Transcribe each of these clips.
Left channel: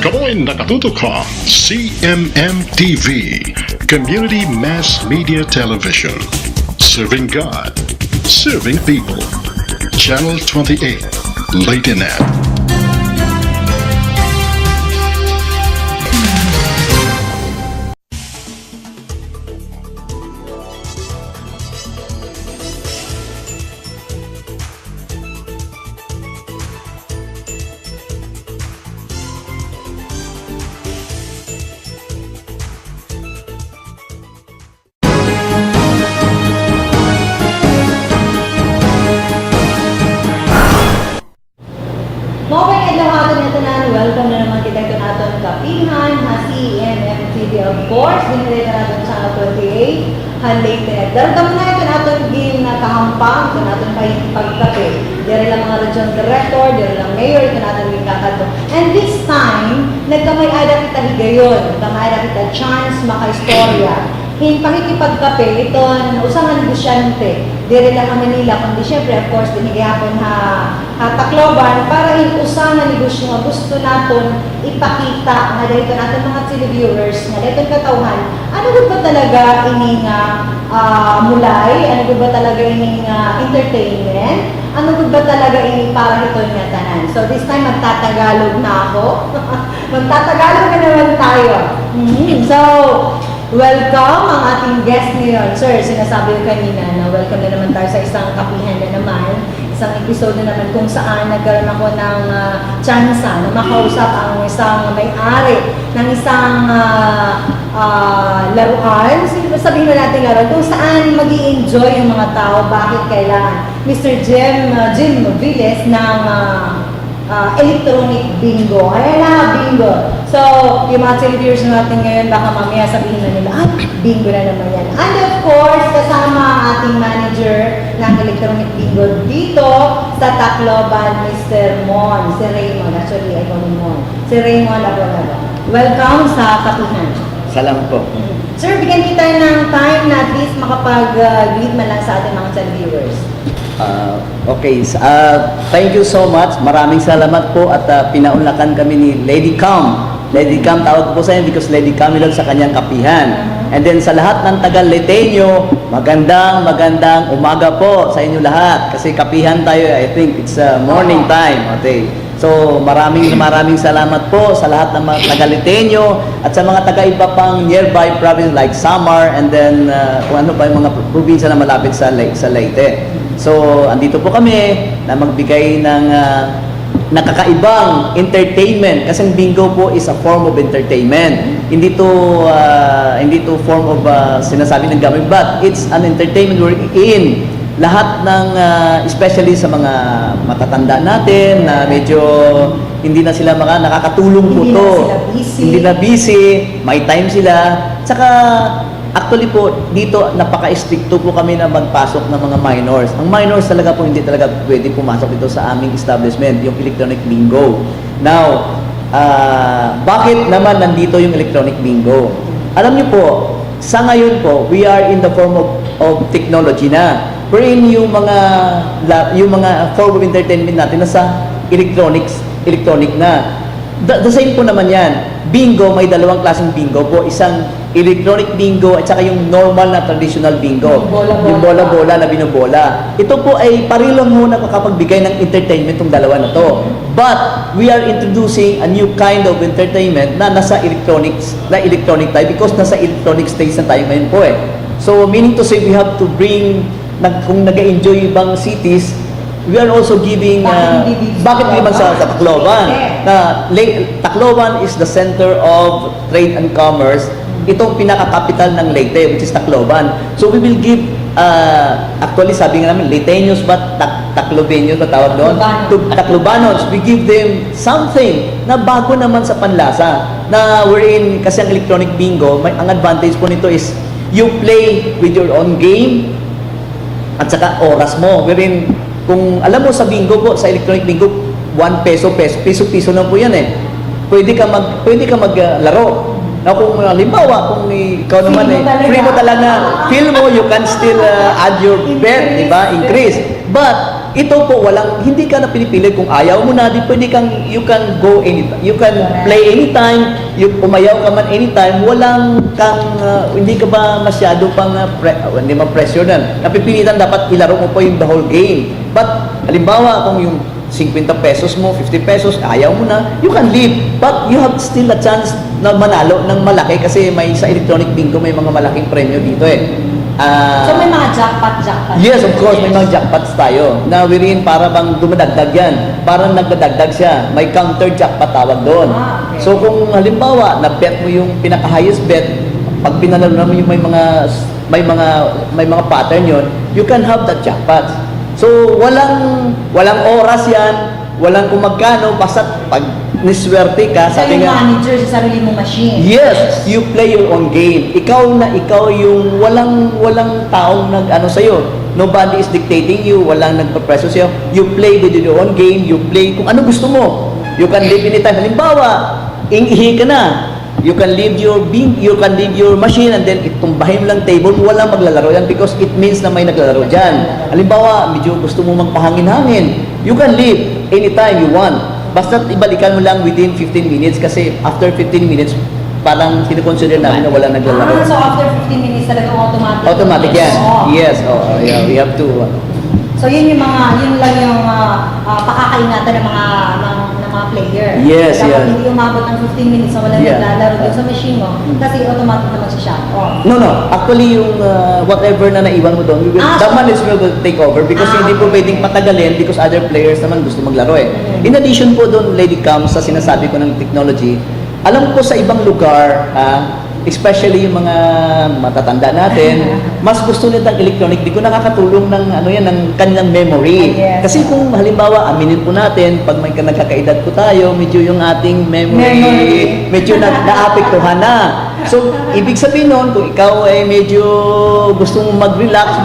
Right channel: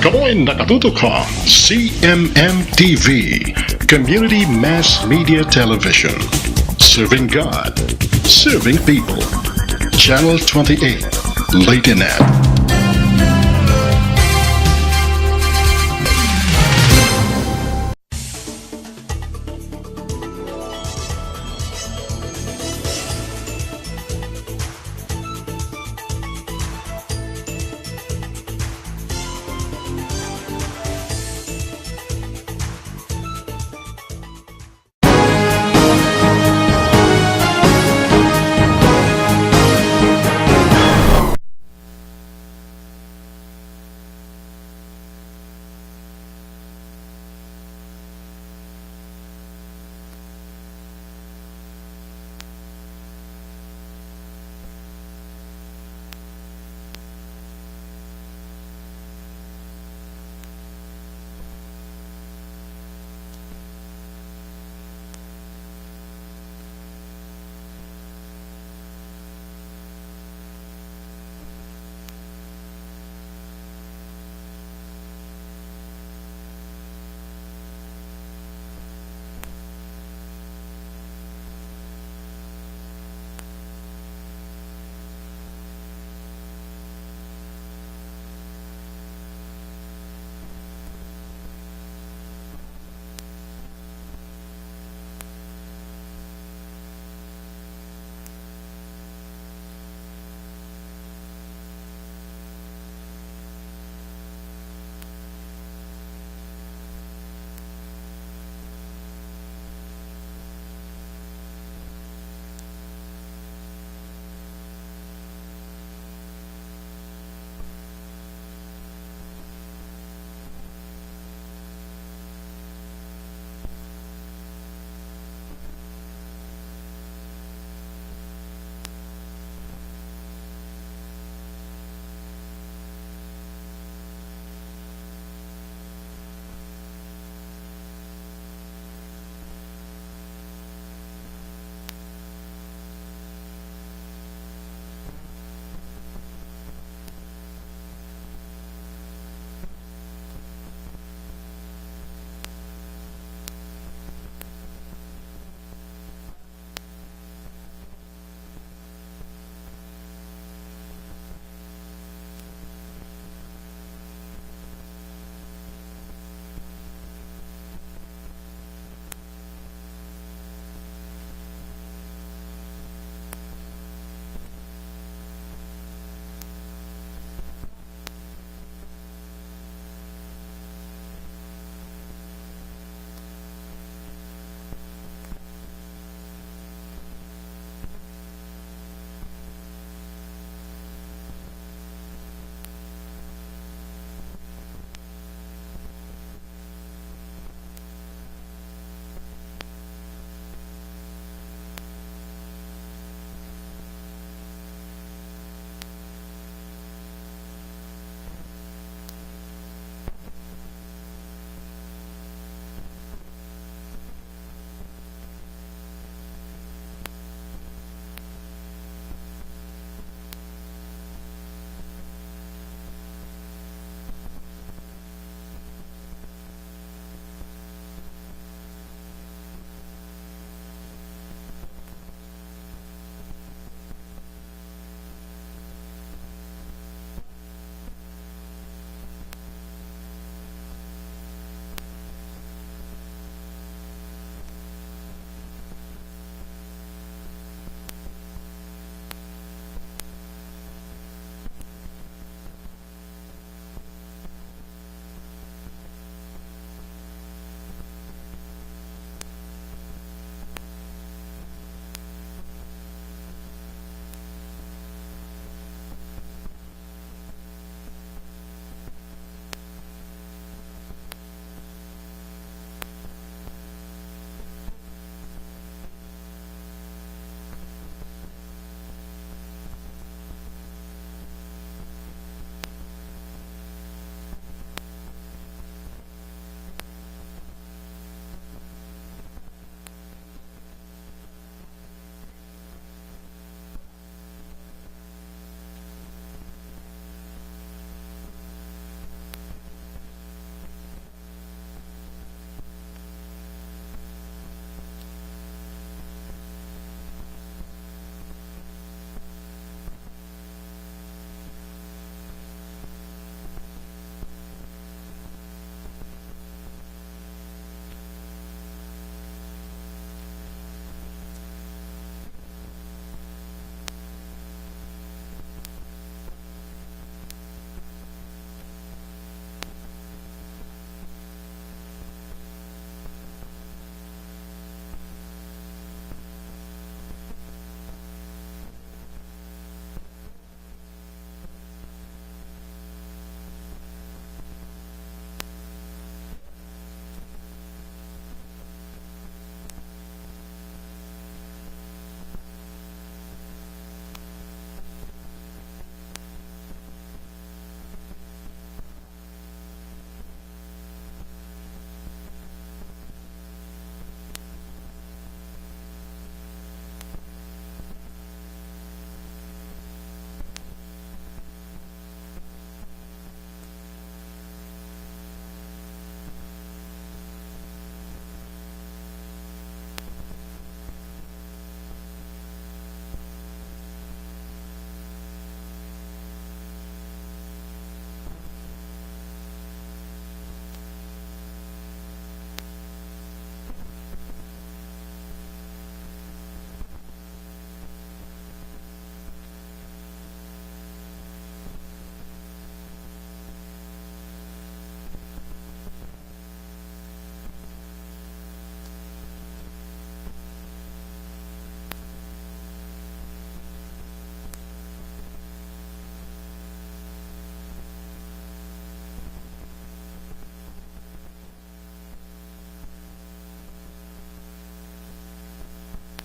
Kamoy nakatutok ka, CMM TV, Community Mass Media Television. Serving God, serving people. Channel 28, Leytenet. Welcome na naman kita ito natin kapihan, hasi, MMTV of course, binili na natin channel 28, Leytenet. Daragam na ito natin game na kahampang, ito natin pagkape. Dere lang mga region director, dere lang mayor, ito natin yung kakato. And this time, nagkamay-ada kita higayon, nagkamay-ada kita chance maka-istorya. Pakikipagkape, ito, usang negosyante. Dire lang ang Manila, kundi syempre, of course, binigayapon Tacloban para usang negosyo nga gusto natin ipakita nga dito natin mga televiewers nga dito katawhan. Ano ba talaga ining mulay? Ano ba talaga ining entertainment? Ano ba talaga ining para ito nga tanan? So this time, magtatagalog na ako. Magtatagalog na naman tayo. So, welcome ang ating guest ngayon. Sir, sinasabi ko kanina na welcome na naman tayo sa isang kapihan na naman. Isang episode na naman kung saan nagkaroon ako ng chance na makausap ang isang may-ari ng isang laruan. Sabihin na natin laruan kung saan mag-i-enjoy yung mga tao. Bakit kailangan? Mr. Jim Villes ng electronic bingo. Ayan na, bingo. So, yung mga televiewers natin ngayon, baka mamaya sabihin na nila, bingo na naman yan. And of course, kasama ang ating manager ng electronic bingo dito sa Tacloban, Mr. Mon. Si Raymond. Actually, I call him Mon. Si Raymond Abogado. Welcome sa Kapihan. Salamat po. Sir, bigyan kita ng time na at least makapag-greet man lang sa ating mga televiewers. Okay, thank you so much. Maraming salamat po at pinaunlakan kami ni Lady Cam. Lady Cam, tawag ko po sa inyo because Lady Cam lang sa kanyang kapihan. And then sa lahat ng taga-Leyteño, magandang umaga po sa inyo lahat. Kasi kapihan tayo, I think it's morning time. Okay. So maraming salamat po sa lahat ng mga taga-Leyteño at sa mga taga-iba pang nearby province like Samar and then kung ano pa yung mga probinsya na malapit sa Leyte. So, andito po kami na magbigay ng nakakaibang entertainment kasi ang bingo po is a form of entertainment. Hindi to form of sinasabi ng gamit, but it's an entertainment wherein lahat ng especially sa mga matatanda natin na medyo hindi na sila nakakatulong po to. Hindi na busy, may time sila. Tsaka actually po, dito napaka-stricto po kami na magpasok ng mga minors. Ang minors talaga po hindi talaga pwede pumasok dito sa aming establishment, yung electronic bingo. Now, bakit naman nandito yung electronic bingo? Alam niyo po, sa ngayon po, we are in the form of technology na. Wherein yung mga form of entertainment natin nasa electronic na. The same po naman yan. Bingo, may dalawang klaseng bingo po. Isang electronic bingo at saka yung normal na traditional bingo. Yung bola-bola na binobola. Ito po ay parilang muna makapagbigay ng entertainment tong dalawa na to. But we are introducing a new kind of entertainment na nasa electronic tayo because nasa electronic stage na tayo ngayon po eh. So meaning to say we have to bring, kung nag-enjoy ibang cities, we are also giving, bakit naman sa Tacloban? Tacloban is the center of trade and commerce. Itong pinaka-capital ng Leyte, which is Tacloban. So we will give, actually sabi nga namin, Leyteños ba, Taclobeños ba tawag doon? Taclobanos. We give them something na bago naman sa panlasa. Na wherein, kasi ang electronic bingo, ang advantage po nito is, you play with your own game, at saka oras mo. Wherein, kung alam mo sa bingo po, sa electronic bingo, 1 peso lang po yan eh. Pwede ka maglaro. Na kung halimbawa, kung ikaw naman free mo talaga, feel mo, you can still add your bet, di ba? Increase. But, ito po hindi ka na pinipili kung ayaw mo na, di pwede you can go anytime, you can play anytime, umayaw ka man anytime, hindi ka ba masyado pang, hindi man pressure na, napipilitan dapat ilaro mo po yung the whole game. But, halimbawa, kung yung 50 pesos mo, 50 pesos, ayaw mo na, you can leave. But you have still a chance na manalo ng malaki kasi sa electronic bingo may mga malaking premyo dito eh. So may mga jackpot. Yes, of course, may mga jackpots tayo na wherein para bang dumadagdag yan. Parang nagdadagdag siya. May counter jackpot tawag doon. Okay. So kung halimbawa, na-bet mo yung pinaka-highest bet, pag pinanalo mo yung may mga pattern yon, you can have that jackpot. So walang oras yan, walang kung magkano, basta pag niswerte ka, So sabi yung nga, manager sa sarili mong machine. yes, you play your own game. Ikaw yung walang taong nag-ano sa'yo. Nobody is dictating you, walang nagpa-pressure sa'yo. You play with your own game, you play kung ano gusto mo. You can live anytime. Halimbawa, ihi ka na. You can leave your machine and then itumbahin mo lang table, walang maglalaro yan because it means na may naglalaro dyan. Halimbawa, medyo gusto mo magpahangin-hangin. You can leave anytime you want. Basta ibalikan mo lang within 15 minutes kasi after 15 minutes, parang sinukonsider namin na walang naglalaro. So after 15 minutes talagang automatic? Automatic yan. Oo. Yes, yeah, we have to. So yun lang yung pakakaingatan ng mga player. Yes, Dapat yes. hindi umabot ng 15 minutes na walang Yeah. naglalaro dun sa machine mo kasi automatic na mag-shut off. No. Actually, yung whatever na naiwan mo doon, the manager will take over because hindi po pwedeng patagalin because other players naman gusto maglaro eh. In addition po doon, Lady Cam, sa sinasabi ko ng technology, alam ko sa ibang lugar, especially yung mga matatanda natin, mas gusto nila ng electronic bingo, nakakatulong ng ng kanilang memory. Yes. Kasi kung halimbawa, aminin po natin, pag may nagkakaedad po tayo, medyo yung ating memory. Medyo naapektuhan na. So, ibig sabihin nun, kung ikaw ay medyo gusto mong mag-relax,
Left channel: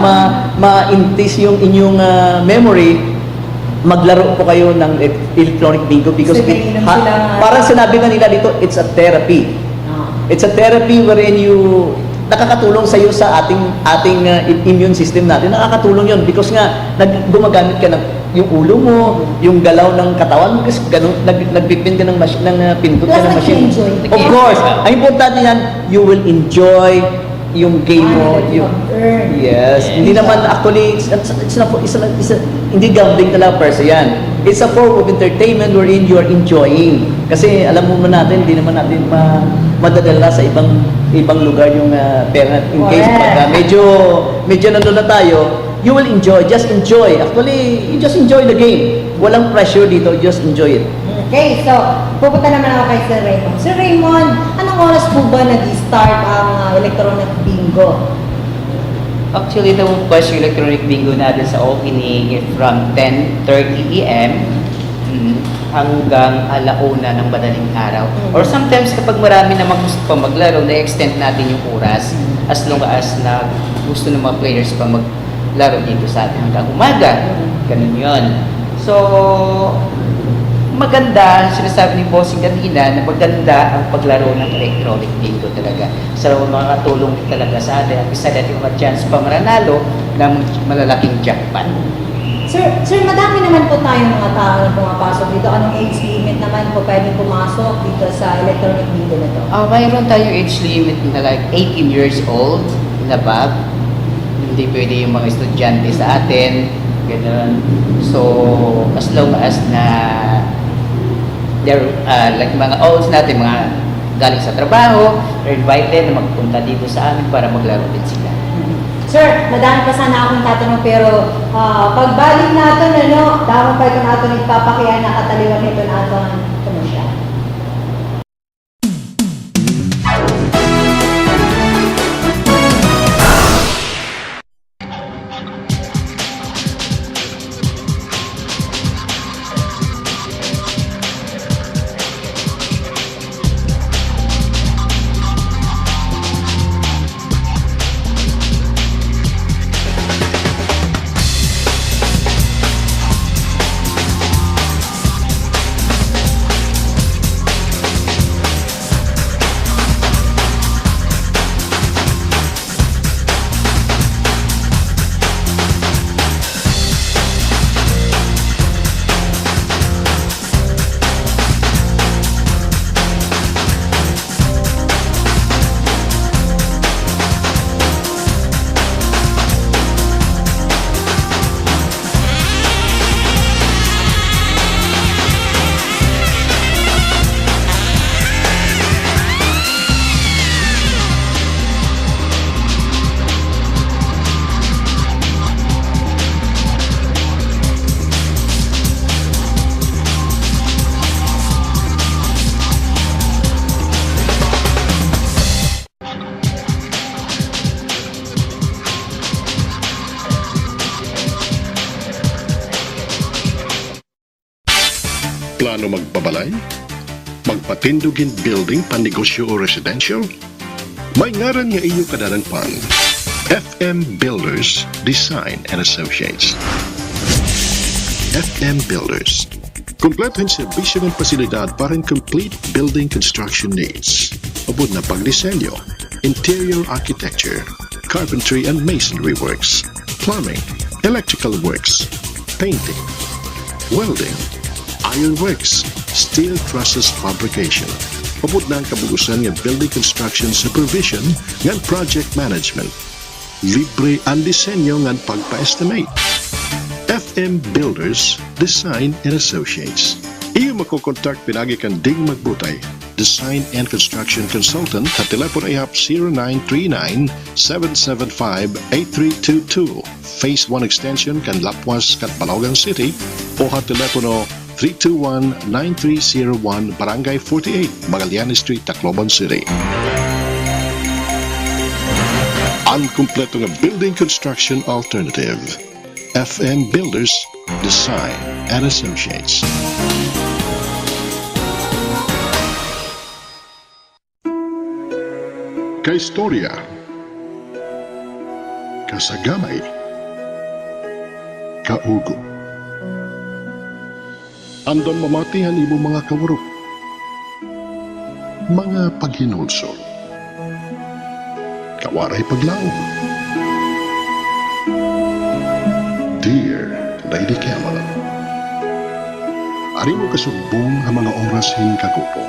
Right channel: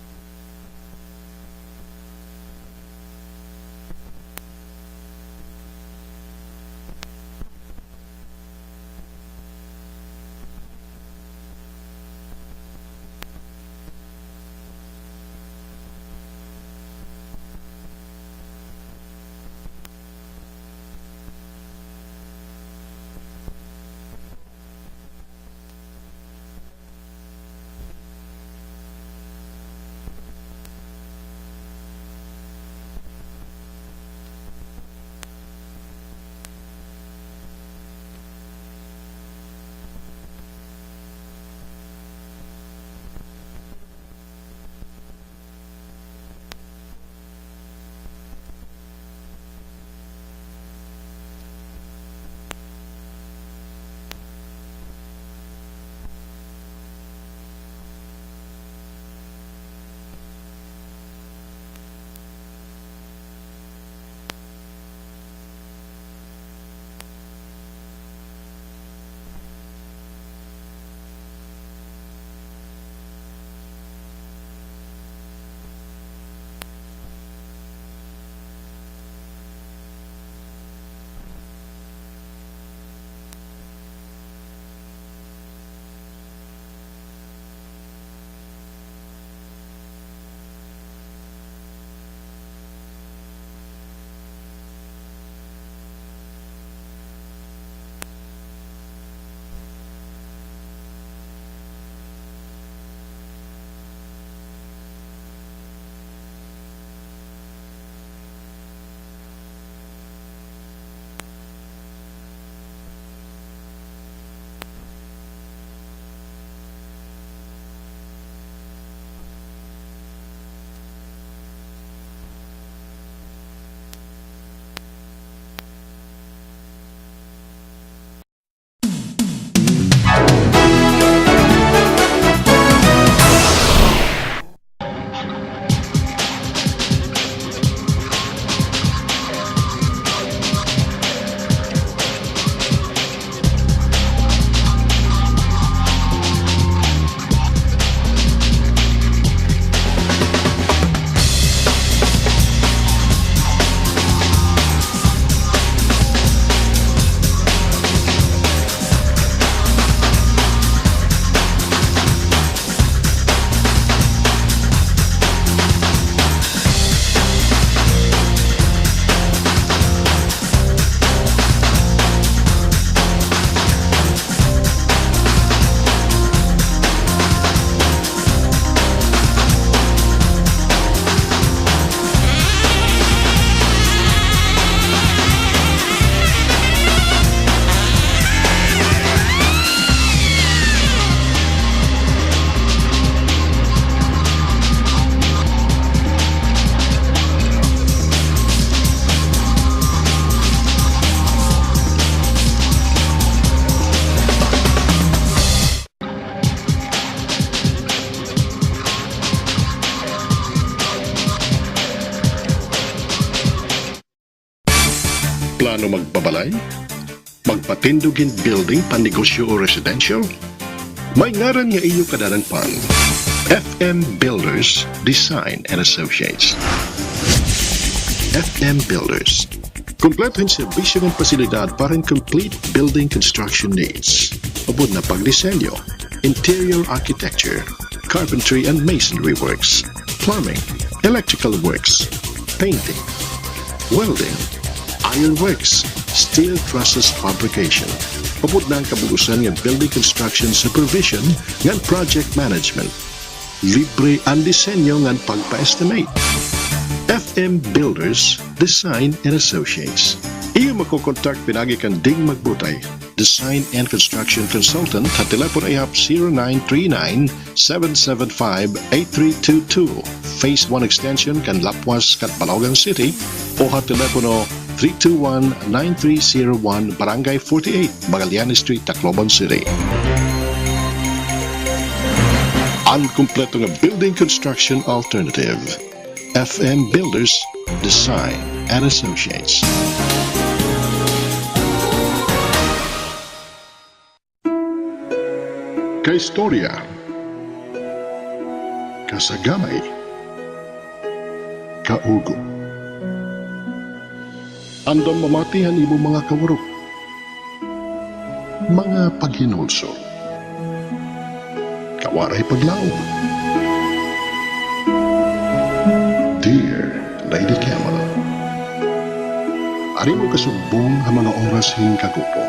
ma-increase yung inyong memory, maglaro po kayo ng electronic bingo because parang sinabi nga nila dito, it's a therapy. It's a therapy wherein nakakatulong sa iyo sa ating immune system natin. Nakakatulong 'yon because nga gumagamit ka ng yung ulo mo, yung galaw ng katawan mo kasi ganun nagpipin ka ng pindot ka ng machine. Of course, ang importante yan, you will enjoy yung game mo. Yes. Hindi naman actually hindi gambling talaga per se yan. It's a form of entertainment wherein you are enjoying. Kasi alam mo natin, hindi naman natin madadala sa ibang lugar yung pera. In case pag medyo nandun na tayo, you will enjoy. Just enjoy. Actually, you just enjoy the game. Walang pressure dito. Just enjoy it. Okay, so pupunta naman ako kay Sir Raymond. Sir Raymond, anong oras po ba nag-start ang electronic bingo? Actually, the first electronic bingo natin sa opening is from 10:30 a.m. hanggang 1:00 ng madaling araw. Or sometimes kapag marami na gusto pa maglaro, na-extend natin yung oras as long as na gusto ng mga players pa maglaro dito sa atin hanggang umaga. Ganun yun. So, maganda, sinasabi ni Bossing kanina, na maganda ang paglaro ng electronic bingo talaga. So, makakatulong talaga sa atin at isa natin mga chance pa mananalo ng malalaking jackpot. Sir, madami naman po tayong mga tao na pumapasok dito. Anong age limit naman po pwedeng pumasok dito sa electronic bingo na to? Mayroon tayong age limit na like 18 years old and above. Hindi pwede yung mga estudyante sa atin. Ganun. So, as long as na they're like mga olds natin, mga galing sa trabaho, they're invited na magpunta dito sa amin para maglaro din sila. Sir, madami pa sana akong tatanong pero pagbalik natin, damo pa ito natin nagpapakiyan na kataliwan nito natin komersyal. Plano magbabalay? Magpatindugin building panegosyo o residential? May ngaran nga iyo kadadangpan. FM Builders Design and Associates. FM Builders. Kompleto ang serbisyo ng pasilidad para ang complete building construction needs. Abot na pagdisenyo, interior architecture, carpentry and masonry works, plumbing, electrical works, painting, welding, ironworks, steel trusses fabrication. Abot na ang kabugusan ng building construction supervision ng project management. Libre ang disenyo ng pagpa-estimate. FM Builders Design and Associates. Iyo makokontak pinagi kan Ding Magbutay, Design and Construction Consultant at telepono ihap 0939-775-8322, Phase 1 Extension kan Lapuas, Balogan City o at telepono 321-9301, Barangay 48, Magallanes Street, Tacloban City. Ang kumpleto nga building construction alternative. FM Builders Design and Associates. Kaistorya, kasagamay, kaugo. Andam mamatihan ibo mga kawarok, mga paghinulsol, kawaray paglaog. Dear Lady Kamala, ari mo kasugbong ang mga oras hing kagupong.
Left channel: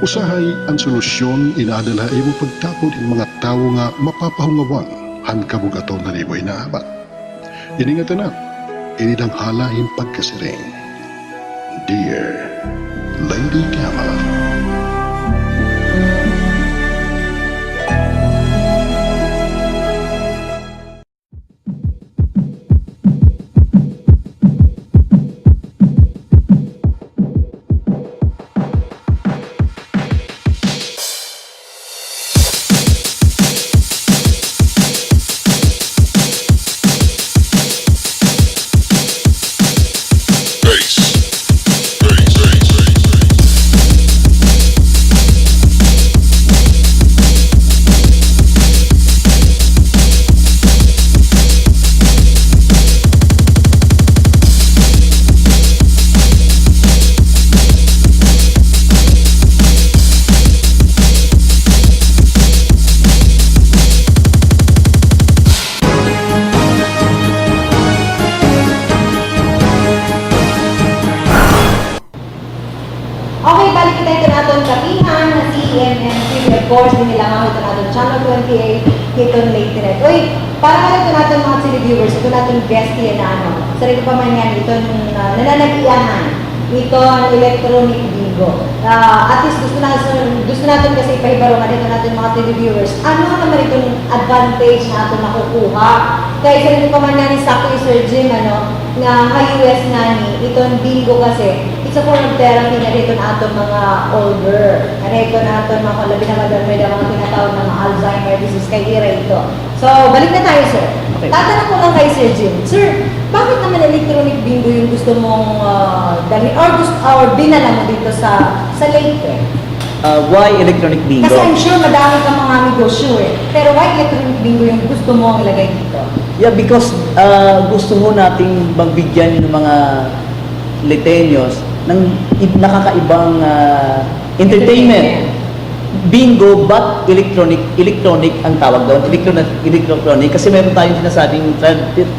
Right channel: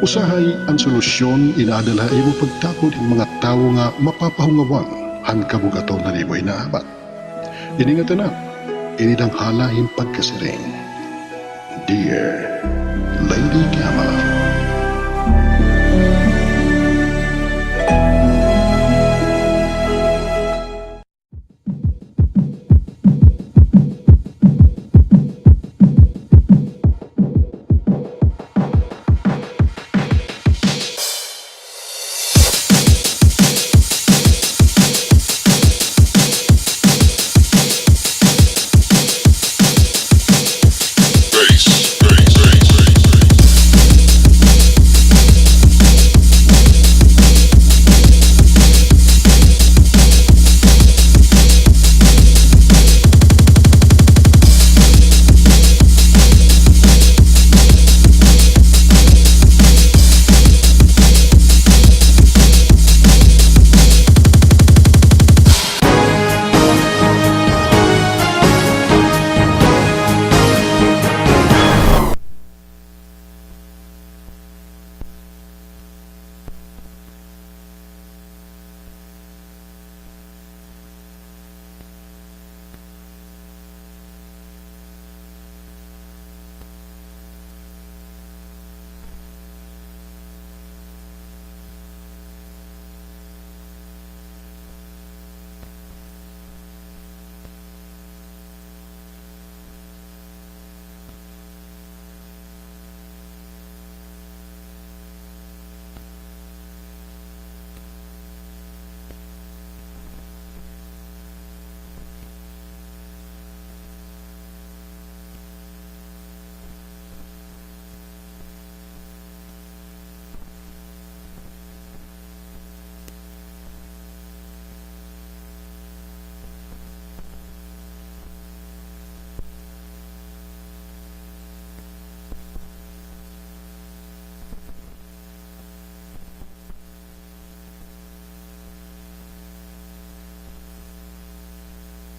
Usahay ang solusyon inaadala imo pagtapod ng mga tao nga mapapahungawan han kabugaton na liboy na abat. Iningatan na, inidang hala yung pagkasiring. Dear Lady Kamala. Okay, balik kita ito natin kapihan na CMMTV. Of course, hindi lang ako ito natin Channel 28, ito late rin. Uy, para ito natin mga televiewers, ito natin guest yan na ano. Sarili pa man yan, ito nananagiyahan. Ito ang electronic bingo. At least gusto natin kasi ipahibarongan ito natin mga televiewers. Ano naman itong advantage na ito nakukuha? Kaya sarili pa man yan, sakto Sir Jim, ano, nga US nga ni, itong bingo kasi, it's a form of therapy na dito na ato mga older. Dito na ato mga labi na madamay na mga tinatawag ng mga Alzheimer disease kay Ira ito. So, balik na tayo, sir. Okay. Tatanong ko lang kay Sir Jim. Sir, bakit naman electronic bingo yung gusto mong dali or binala mo dito sa Leyte? Why electronic bingo? Kasi I'm sure madami kang mga negosyo eh. Pero why electronic bingo yung gusto mo ilagay dito? Yeah, because gusto mo nating magbigyan ng mga Leyteños ng nakakaibang entertainment. Bingo, but electronic ang tawag doon. Electronic kasi meron tayong sinasabing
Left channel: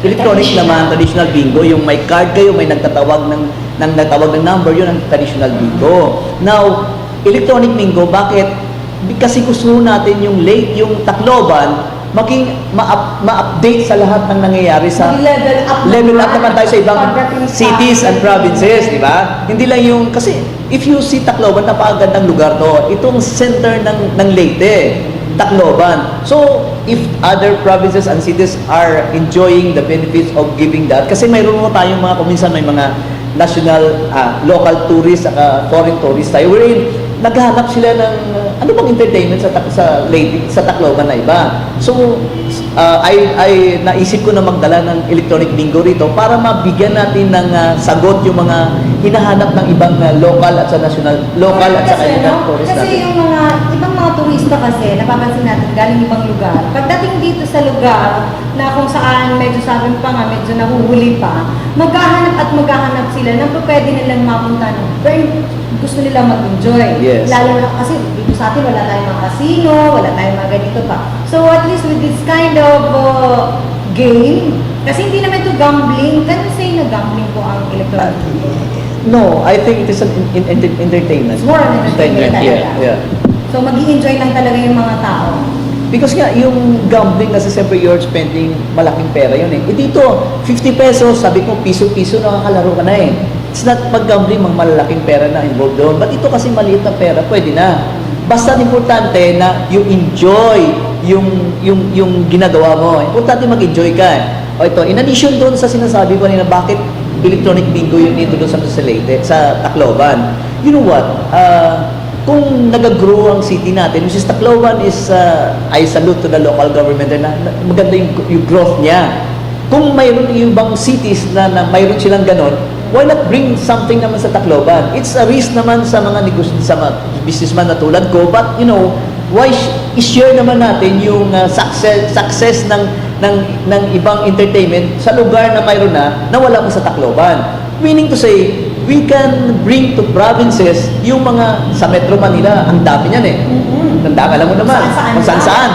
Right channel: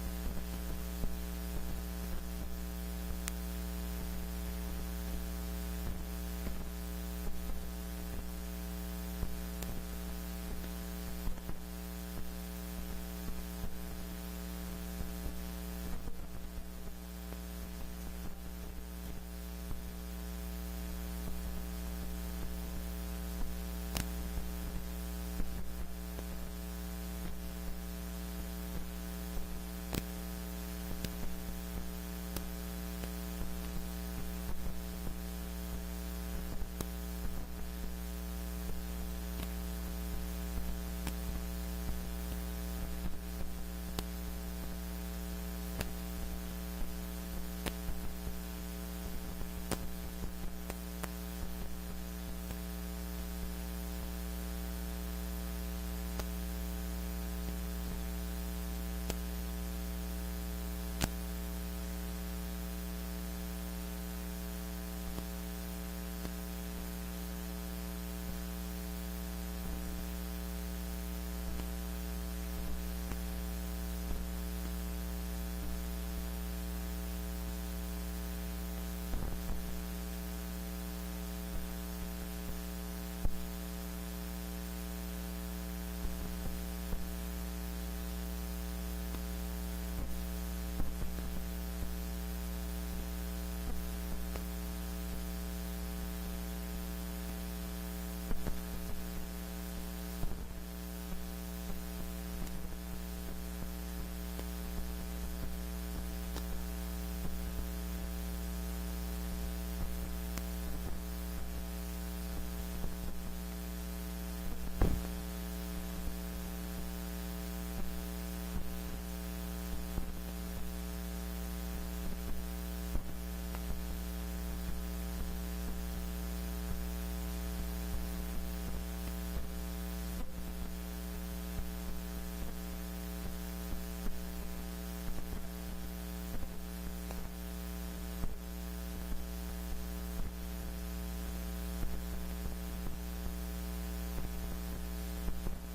electronic naman, traditional bingo, yung may card kayo, may nagtatawag ng number, yun ang traditional bingo. Now, electronic bingo, bakit? Kasi gusto natin yung Tacloban ma-update sa lahat ng nangyayari sa level up naman tayo sa ibang cities and provinces, di ba? Hindi lang yung, kasi if you see Tacloban, napakagandang lugar to. Itong center ng Leyte, Tacloban. So, if other provinces and cities are enjoying the benefits of giving that, kasi mayroon mo tayong mga, kuminsan may mga national, local tourists, foreign tourists tayo, wherein naghahanap sila ng ano bang entertainment sa Tacloban na iba? So, ay naisip ko na magdala ng electronic bingo rito para mabigyan natin ng sagot yung mga hinahanap ng ibang local at sa national, local at sa kanilang tourist Kasi natin. yung mga ibang mga turista kasi, napapansin natin galing ibang lugar. Pagdating dito sa lugar na kung saan medyo sabi pa nga, medyo nahuhuli pa, maghahanap sila ng pwede nilang mapuntahan. Pero gusto nila mag-enjoy. Yes. Lalo na kasi dito sa atin wala tayong mga casino, wala tayong mga ganito pa. So at least with this kind of game, kasi hindi naman ito gambling. Can you say na gambling po ang electronic bingo? No, I think it is an entertainment. It's more an entertainment talaga. Yeah. So mag-i-enjoy lang talaga yung mga tao. Because nga, yung gambling kasi siyempre you're spending malaking pera yun eh. E dito, 50 pesos, sabi ko, piso-piso nakakalaro ka na eh. It's not pag-gambling, malalaking pera na involved doon. But ito kasi maliit na pera, pwede na. Basta importante na you enjoy yung ginagawa mo. Importante mag-enjoy ka. O ito, in addition doon sa sinasabi ko nila, bakit electronic bingo yun dito doon sa Leyte, sa Tacloban. You know what? Kung nag-grow ang city natin, which is Tacloban is, I salute to the local government na maganda yung growth niya. Kung mayroon yung ibang cities na mayroon silang ganon, why not bring something naman sa Tacloban? It's a risk naman sa mga sa mga businessman na tulad ko, but you know, why i-share naman natin yung success ng ibang entertainment sa lugar na mayroon na wala pa sa Tacloban. Meaning to say, we can bring to provinces yung mga sa Metro Manila, ang dami niyan eh. Ang dami, alam mo naman, kung saan-saan.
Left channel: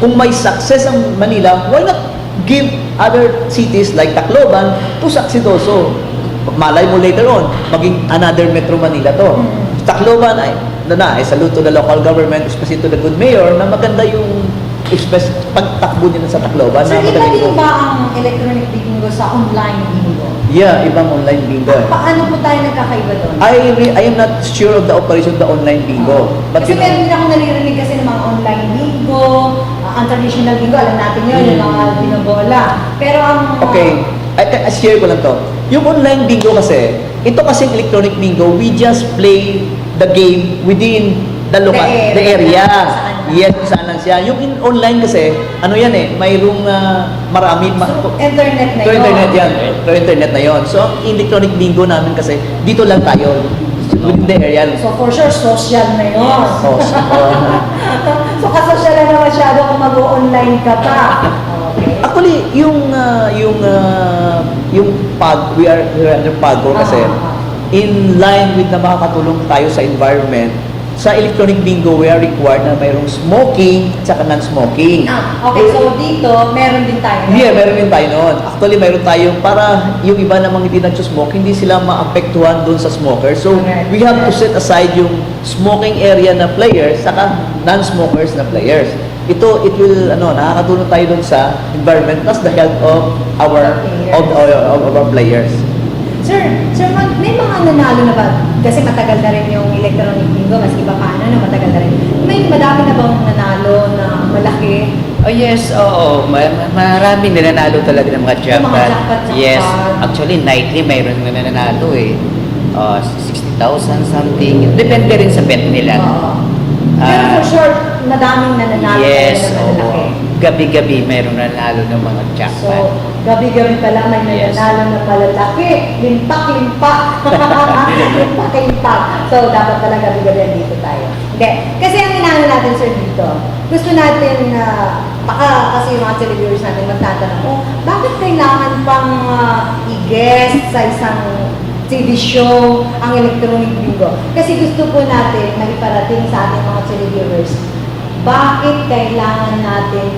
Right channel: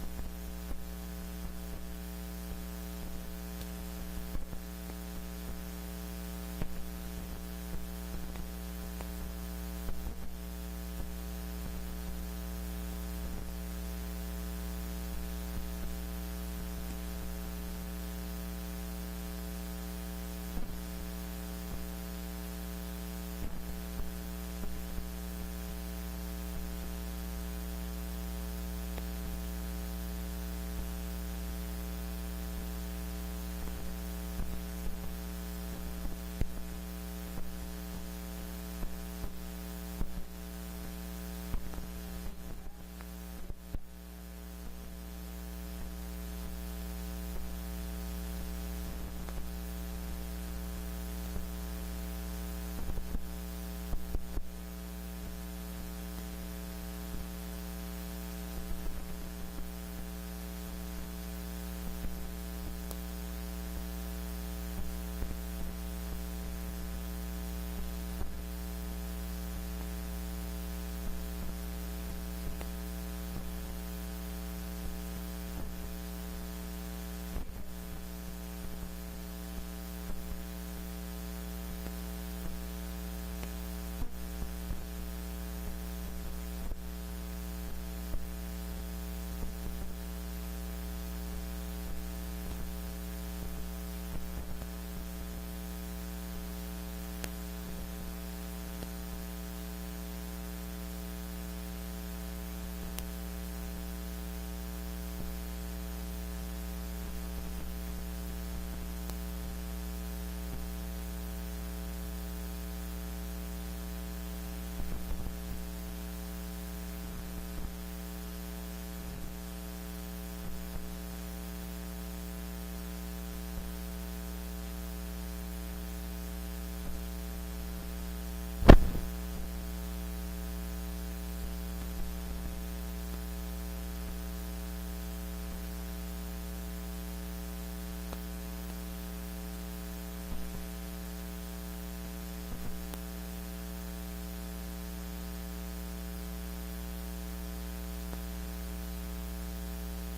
Kung may success ang Manila, why not give other cities like Tacloban to succeed also? Malay mo later on, maging another Metro Manila to. Tacloban, I salute to the local government, especially to the good mayor, na maganda yung pagtakbo nila sa Tacloban. So, na iba magaling din ko. ba ang electronic bingo sa online bingo? Yeah, ibang online bingo eh. Paano po tayo nagkakaiba doon? I am not sure of the operation of the online bingo. But Kasi you know, meron din ako naririnig kasi ng mga online bingo, ang traditional bingo, alam natin yun, yung mga binobola. Pero ang... okay, I share ko lang to. Yung online bingo kasi, ito kasi electronic bingo, we just play the game within the area. Yes, kung saan lang siya. Yung online kasi, ano yan eh, mayroong marami... internet na Through yun. internet yan. Through internet na yon. So, ang electronic bingo namin kasi, dito lang tayo. Within the area. So for sure, social na yun. Oh, So kasosyal na masyado kung mag-online ka pa. Okay. actually, yung we are under PAGO kasi, in line with na makakatulong tayo sa environment, sa electronic bingo, we are required na mayroong smoking at saka non-smoking. Okay, so dito, meron din tayo. Yeah, meron din tayo noon. Actually, meron tayo para yung iba namang hindi nag-smoke, hindi sila maapektuhan doon sa smoker. So, we have to set aside yung smoking area na players saka non-smokers na players. It will, nakakatulong tayo doon sa environment plus the health of our players. Sir, may mga nanalo na ba? Kasi matagal na rin yung electronic bingo, mas iba pa matagal na rin. May madami na bang nanalo na malaki? Oh yes, oo. Marami nananalo talaga ng mga Yung mga jackpot. jackpot. Yes, actually nightly mayroon na nananalo eh. 60,000 something. Depende rin sa bet nila. Oo. Pero for sure, madaming nananalo Yes, na malaki. gabi-gabi mayroon nanalo ng mga So, jackpot. gabi-gabi pala may nananalo na malalaki. Limpak-limpak. Limpak-limpak. So, dapat pala gabi-gabi dito tayo. Okay. Kasi ang inaano natin, sir, dito, gusto natin na, kasi yung mga televiewers natin magtatanong, bakit kailangan pang i-guest sa isang TV show ang electronic bingo? Kasi gusto po natin na iparating sa ating mga televiewers, bakit kailangan natin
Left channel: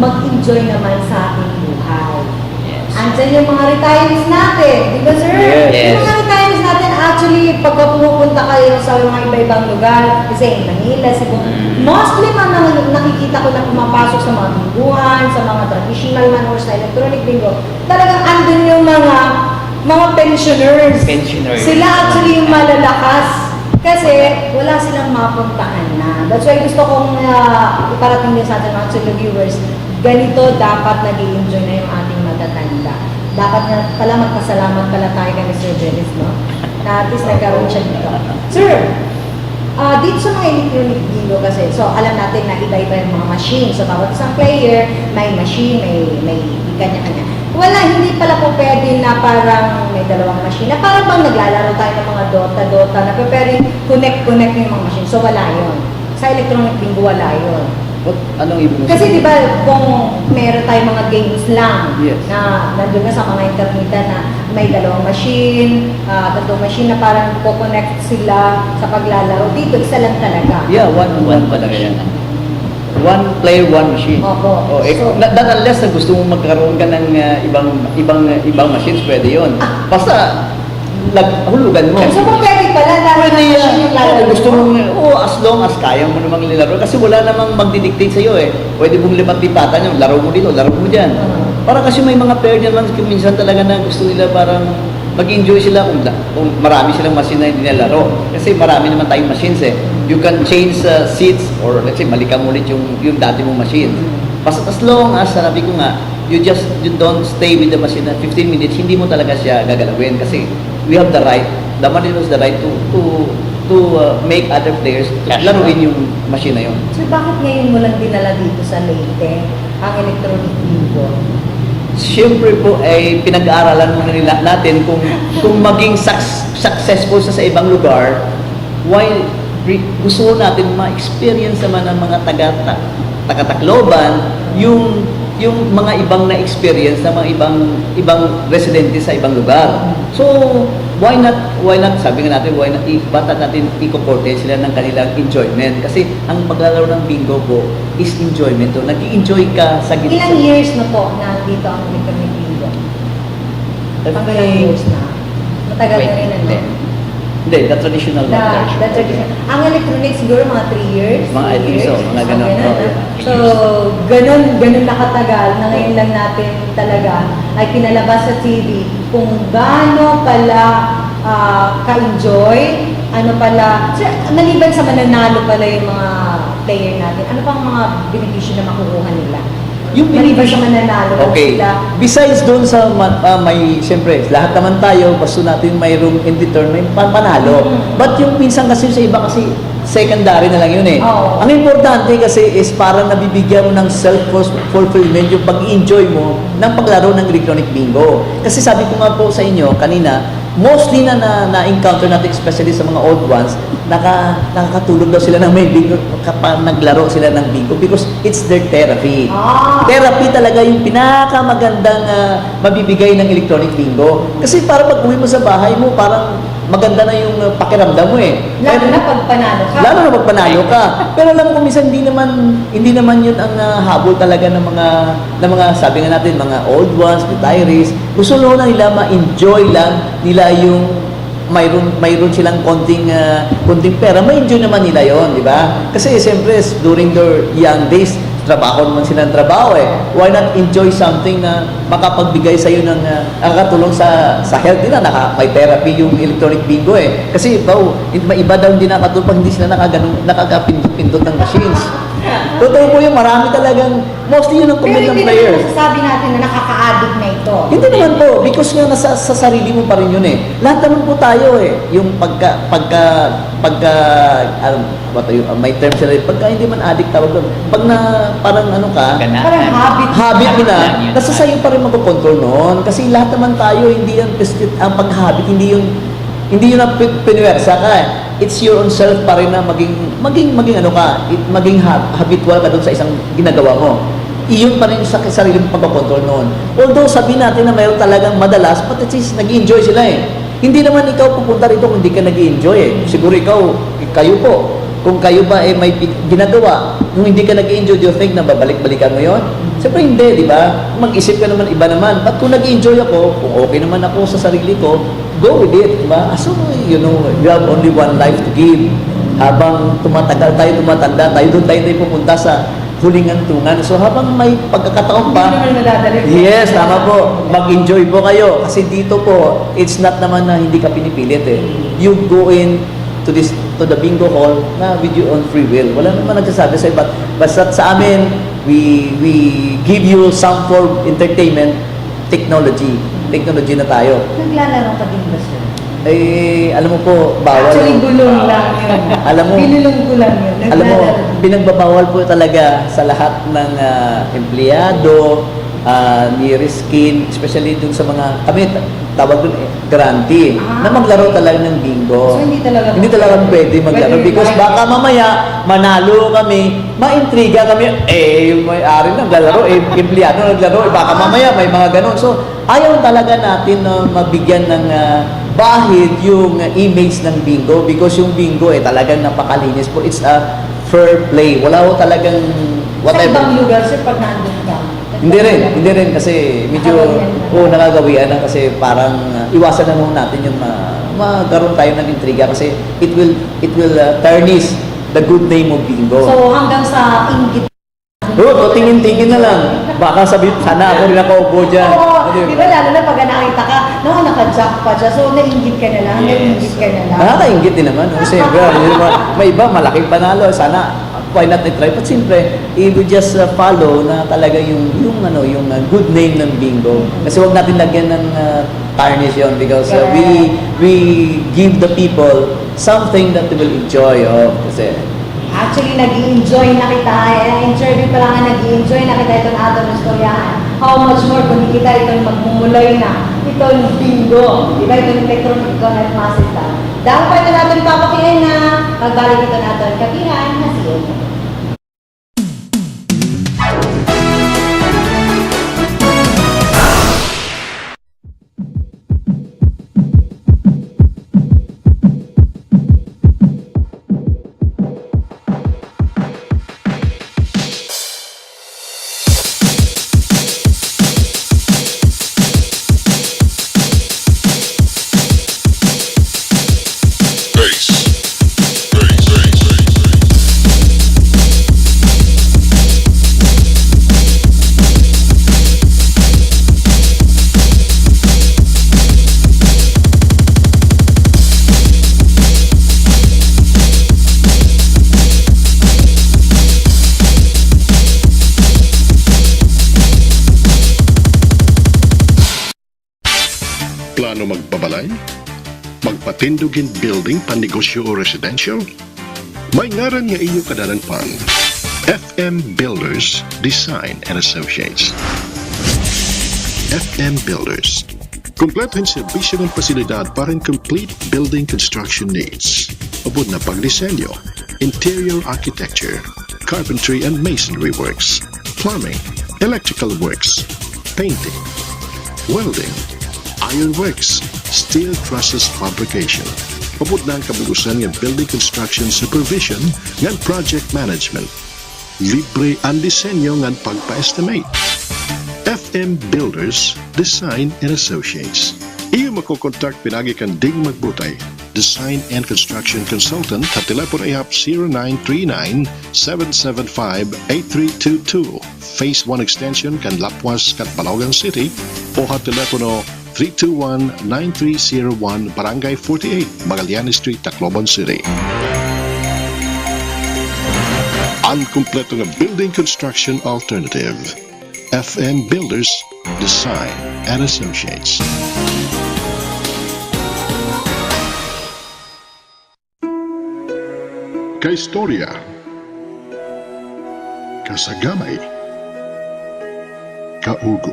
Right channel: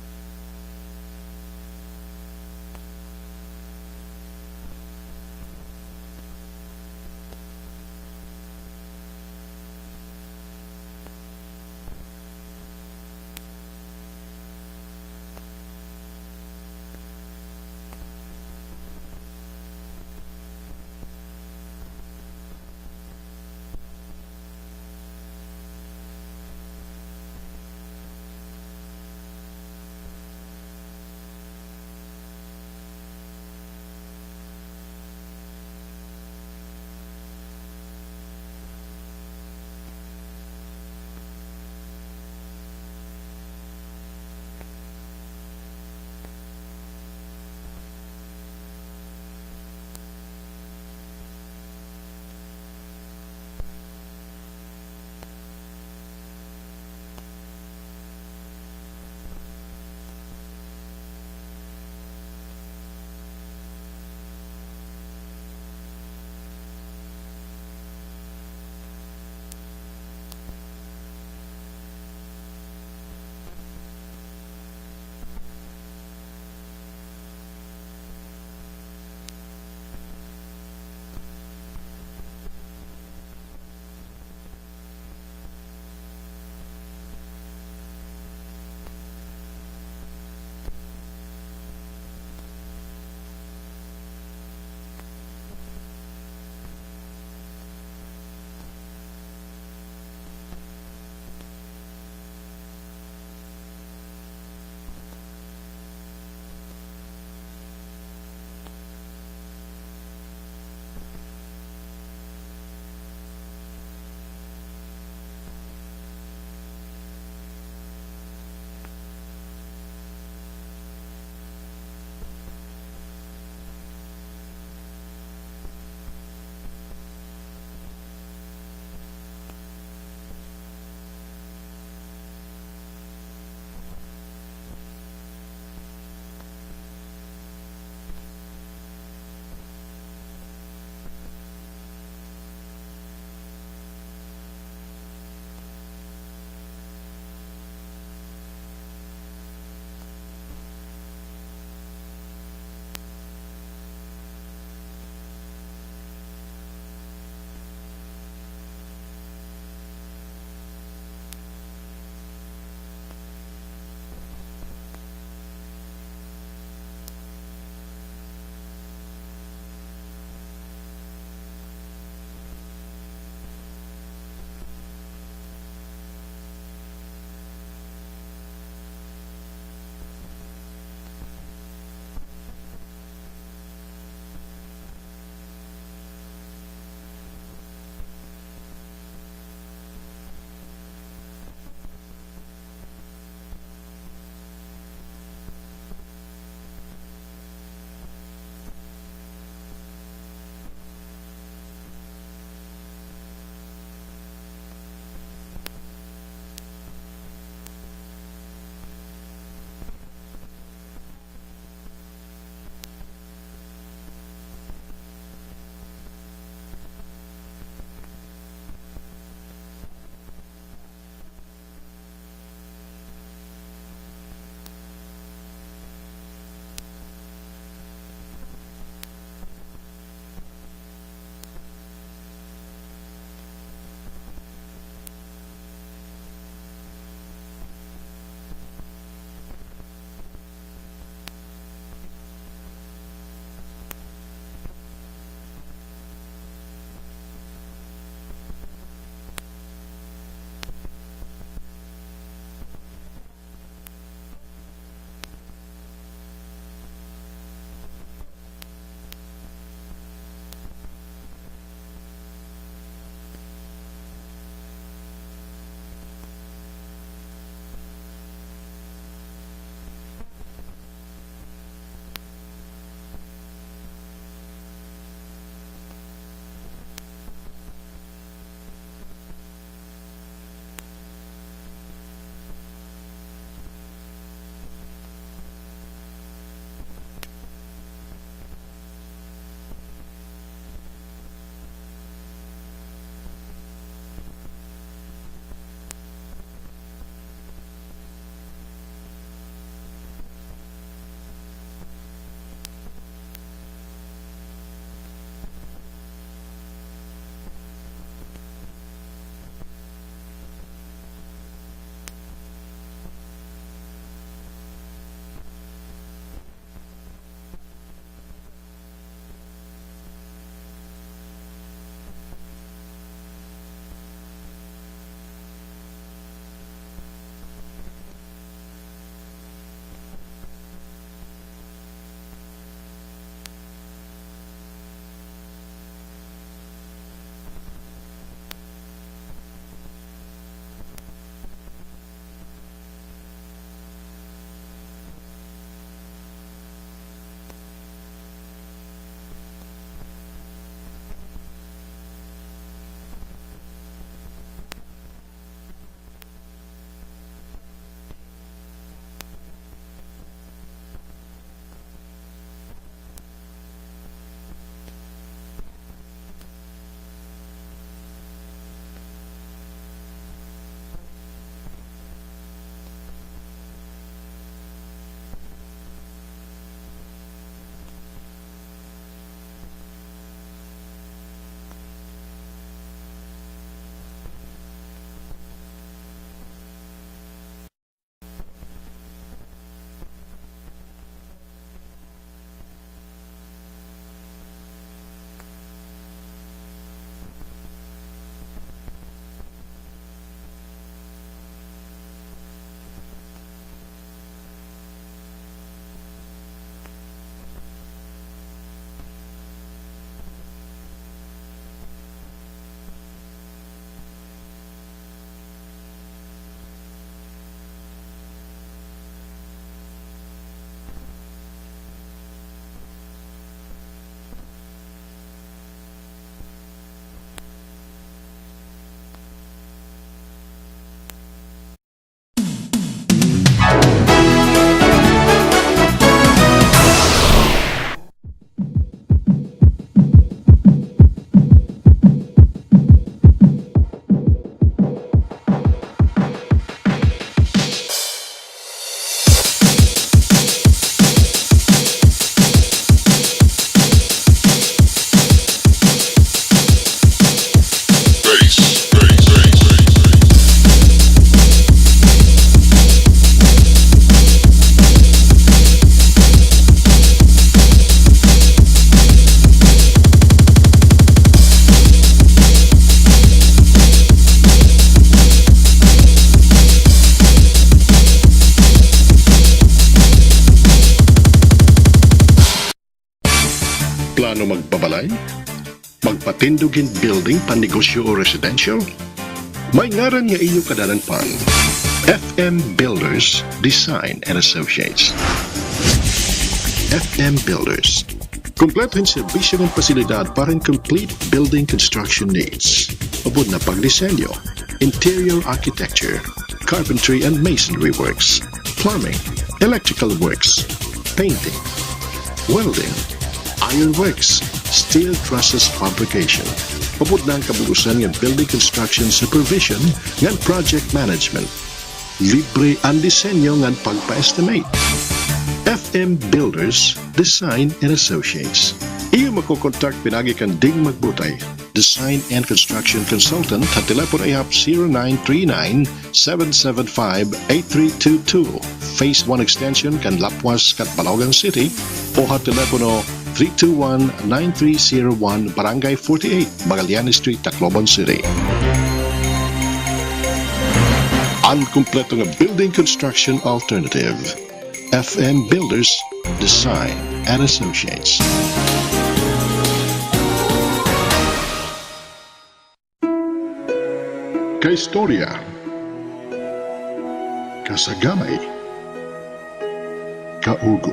mag-enjoy naman sa ating buhay? Yes. Andyan yung mga retirees natin, di ba sir? Yes. Yung mga retirees natin, actually, pagka pumupunta kayo sa mga iba-ibang lugar, kasi Manila, Cebu, mostly man nakikita ko na pumapasok sa mga binguhan, sa mga traditional man or sa electronic bingo, talagang andun yung mga pensioners. Pensioners. Sila actually yung malalakas kasi wala silang mapuntahan na. That's why gusto kong iparating din sa ating mga televiewers, ganito dapat nag-i-enjoy na yung ating matatanda. Dapat na pala magpasalamat pala tayo kay Mr. Dennis, no? Na at least nagkaroon siya dito. Sir, Dito sa mga electronic bingo kasi, so alam natin na iba-iba yung mga machine. So bawat isang player, may machine, may kanya-kanya. Wala, hindi pala po pwede na parang may dalawang machine. Na parang bang naglalaro tayo ng mga Dota na pwede connect yung mga machine. So wala yun. Sa electronic bingo, wala yun. Anong ibig mo Kasi di sabihin? ba kung meron tayong mga games lang Yes. na nandun na sa mga internet na may dalawang machine, tatlong machine na parang co-connect sila sa paglalaro. Dito, isa lang talaga. Yeah, one talaga yan. One player, one machine. Opo. So- Not unless na gusto mong magkaroon ka ng ibang machines, pwede yun. Basta, hulugan mo. So kung pwede pala, dahil Pwede machine yung lalaro gusto mong, as long as kaya mo namang nilaro. Kasi wala namang magdidictate sa'yo eh. Pwede mong lipat-lipatan yung laro mo dito, laro mo dyan. Para kasi may mga player dyan man, minsan talaga na gusto nila parang mag-enjoy sila kung marami silang machine na hindi nilaro. Kasi marami naman tayong machines eh. You can change seats or let's say malikan mo ulit yung dati mong machine. Basta as long as, sabi ko nga, you don't stay with the machine na 15 minutes, hindi mo talaga siya gagalawin. Kasi we have the right, the machine has the right to make other players laruin yung machine na yun. So bakit ngayon mo lang dinala dito sa Leyte ang electronic bingo? Siyempre po ay pinag-aaralan muna nila natin kung maging successful sa ibang lugar, why gusto natin ma-experience naman ng mga taga-Tacloban yung mga ibang na-experience ng mga ibang residente sa ibang lugar. So, why not, sabi nga natin, ba't natin i-comporte sila ng kanilang enjoyment? Kasi ang paglalaro ng bingo po is enjoyment. So, nag-i-enjoy ka sa gitna. Ilang years na po na dito ang electronic bingo? Ilang years na? Matagal na rin ano? Hindi, the traditional one. The tradition. Ang electronic siguro mga 3 years? Mga I think so, mga ganon. Okay, Oh, na. yeah. So, ganun nakatagal na ngayon lang natin talaga ay pinalabas sa TV kung gaano pala ka-enjoy, ano pala, maliban sa mananalo pala yung mga player natin, ano pang mga benepisyo na makukuha nila? Yung Maliban sa mananalo Okay. sila. Besides doon sa may siyempre lahat naman tayo gusto natin may room in return may panalo. But yung minsan kasi sa iba kasi secondary na lang yun eh. Oo. Ang importante kasi is parang nabibigyan mo ng self-fulfillment yung pag-enjoy mo ng paglaro ng electronic bingo. Kasi sabi ko nga po sa inyo kanina, mostly na-encounter natin especially sa mga old ones, nakakatulog daw sila ng may bingo kapag naglaro sila ng bingo because it's their therapy. Therapy talaga yung pinakamagandang mabibigay ng electronic bingo. Kasi para pag uwi mo sa bahay mo, parang maganda na yung pakiramdam mo eh. Lalo na pag panalo ka. Lalo na pag panalo ka. Pero alam mo minsan hindi naman yun ang habol talaga ng mga sabi nga natin mga old ones, retirees. Gusto na nila ma-enjoy lang nila yung mayroon silang konting pera, ma-enjoy naman nila yon, di ba? Kasi siyempre during their young days, trabaho naman sila ng trabaho eh. Why not enjoy something na makapagbigay sa iyo ng nakakatulong sa health nila, may therapy yung electronic bingo eh. Kasi iba daw hindi nakatulong pag hindi sila nakakapindot ng machines. Totoo po yung marami talagang, mostly yun ang comment ng Pero players. hindi naman masasabi natin na nakaka-addict na ito. Hindi naman po, because nga sa sarili mo pa rin yun eh. Lahat naman po tayo eh. Yung may term sila, pagka hindi man addict tawag doon. Pag parang ano ka, Parang habit mo na, Yan. nasa sayo pa rin magkocontrol noon. Kasi lahat naman tayo, hindi yan, ang pag-habit, hindi yun na pinuwersa ka eh. It's your own self pa rin na maging ano ka, maging habitual ka doon sa isang ginagawa mo. Iyon pa rin sa sarili mong pagkocontrol noon. Although sabi natin na mayroon talagang madalas, but at least nag-enjoy sila eh. Hindi naman ikaw pupunta rito kung hindi ka nag-enjoy eh. Siguro kayo po, kung kayo ba may ginagawa, kung hindi ka nag-enjoy, do you think na babalik-balikan mo yon? Siyempre hindi, di ba? Mag-isip ka naman, iba naman. But kung nag-enjoy ako, kung okay naman ako sa sarili ko, go with it, di ba? So, you have only one life to give. Habang tumatanda tayo, doon tayo pupunta sa huling hantungan. So, habang may pagkakataon pa, Hindi naman nadadali. yes, tama po. Mag-enjoy po kayo. Kasi dito po, it's not naman na hindi ka pinipilit eh. You go in to the bingo hall na with your own free will. Wala naman nagsasabi sa'yo. Basta sa amin, we give you some form of entertainment, technology na tayo. Naglalaro ka din ba sir? alam mo po, bawal. Actually, gulong lang yun. Alam mo, Binulong ko lang yun. alam mo, Naglalaro. pinagbabawal po talaga sa lahat ng empleyado, nearest kin, especially dun sa mga, kami tawag dun grantee, na maglaro talaga ng bingo. So, hindi talaga pwede maglaro Pwede because rin. baka mamaya manalo kami, maintriga kami, yung may-ari naglalaro, empleyado naglaro, baka mamaya may mga ganon. So, ayaw talaga natin na mabigyan ng bahid yung image ng bingo because yung bingo talagang napakalinis po. It's a fair play. Wala ho talagang Sa ibang whatever. lugar, sir, pag nandun ka. Hindi rin kasi medyo nakagawian na kasi parang iwasan na muna natin yung magkaroon tayo ng intriga kasi it will tarnish the good name of bingo. So, hanggang sa inggit. Tingin-tingin na lang. Baka sabihin, sana ako rin nakaupo dyan. Oo, di ba lalo na pag nakita ka, naka-jackpot siya, so nainggit ka na lang, nainggit ka na lang. Nakakaingit din naman. Siyempre, may iba, malaking panalo. Sana, why not try? But siyempre, if we just follow na talaga yung good name ng bingo. Kasi wag natin lagyan ng tarnish yun because we give the people something that they will enjoy of. Kasi, Actually, nag-i-enjoy na kita. Interview pa lang nga, nag-i-enjoy na kita itong atong istoryahan. How much more kung di kita itong magmumulay na itong bingo. Di ba itong electronic at masita. Dahil pa ito natin papakiin na magbalik ito natin kapihan na siya. Plano magbabalay? Magpatindugin building panegosyo o residential? May ngaran nga iyo kadalapan. FM Builders Design and Associates. FM Builders. Kompleto yung serbisyo ng pasilidad para yung complete building construction needs. Abot na pagdisenyo, interior architecture, carpentry and masonry works, plumbing, electrical works, painting, welding, ironworks, steel trusses fabrication. Abot na ang kabugusan ng building construction supervision ng project management. Libre ang disenyo ng pagpa-estimate. FM Builders Design and Associates. Iyo makokontak pinagi kan ding magbutay. Design and Construction Consultant at telepono ihap 0939-775-8322. Phase 1 Extension kan Lapuas kat Balaogan City o hat telepono 321-9301 Barangay 48, Magallanes Street, Tacloban City. Ang kumpleto nga building construction alternative. FM Builders Design and Associates. Kaistorya, kasagamay, kaugo.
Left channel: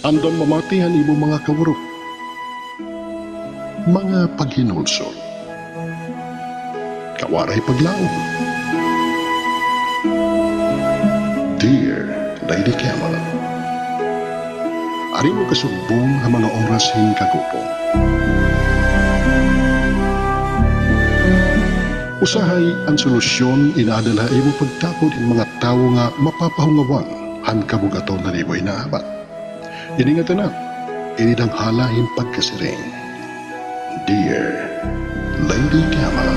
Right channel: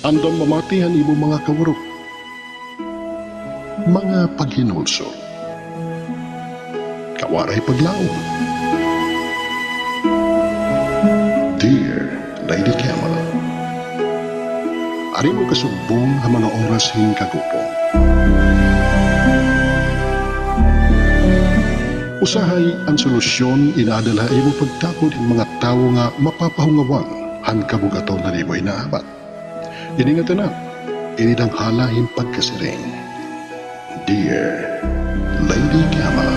Andam mamatihan imo mga kawurok, mga paghinulsol, kawaray paglaom. Dear Lady Camel, ari mo kasugbong ang mga oras hin kagupong. Usahay ang solusyon inaadala imo pagtapod in mga tao nga mapapahungawan han kabugato na libo inaabat. Iningatan na, inidanghala hin pagkasiring. Dear Lady Camel.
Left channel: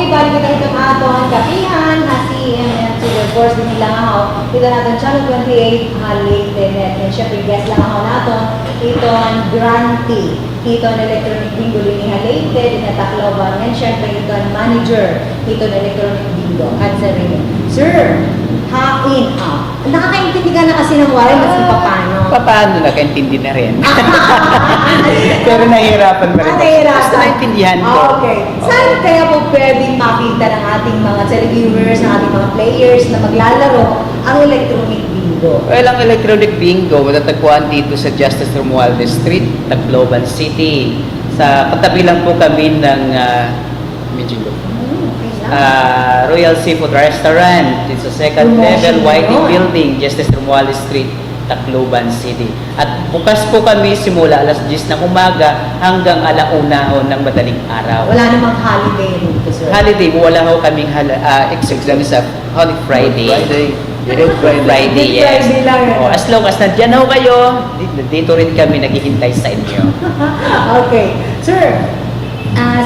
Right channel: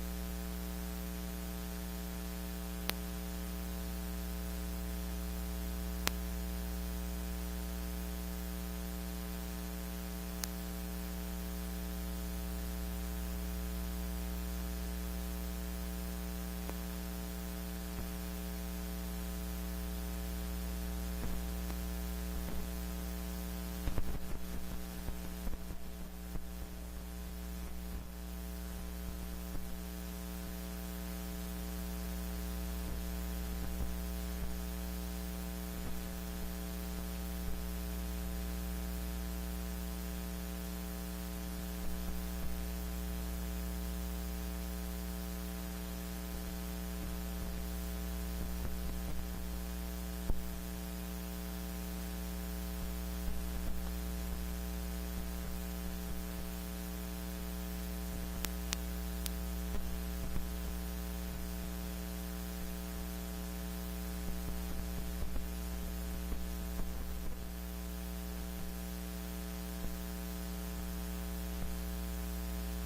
Okay, balik kita itong aton kapihan, CMM to the course din nila nga ako. Ito natin channel 28, Leyte Net. And syempre, guest lang ako naton. Ito ang grantee. Ito ang electronic bingo din ni Leyte, din na Tacloban. And syempre, ito ang manager. Ito ang electronic bingo. At sa rin. Sir, hain up. Nakakaintindi ka na kasi ng waray, mas paano. Paano nakaintindi na rin? Pero nahihirapan pa rin. Nahihirapan. Basta naintindihan ko. Okay. Saan kaya po pwedeng makita ng ating mga televiewers, ng ating mga players na maglalaro ang electronic bingo? Well, ang electronic bingo, matatagpuan dito sa Justice Romualdez Street, Tacloban City. Sa katabi lang po kami ng medyo Royal Seafood Restaurant. It's sa second level, YT Building, Justice Romualdez Street, Tacloban City. At bukas po kami simula alas 10 ng umaga hanggang alauna ng madaling araw. Wala namang holiday dito, sir. Holiday, wala ho kaming exam sa Holy Friday. Good Friday. Friday, Good yes. Friday lang. Oh, as long as nandiyan ho kayo, dito rin kami naghihintay sa inyo. Okay. Sir,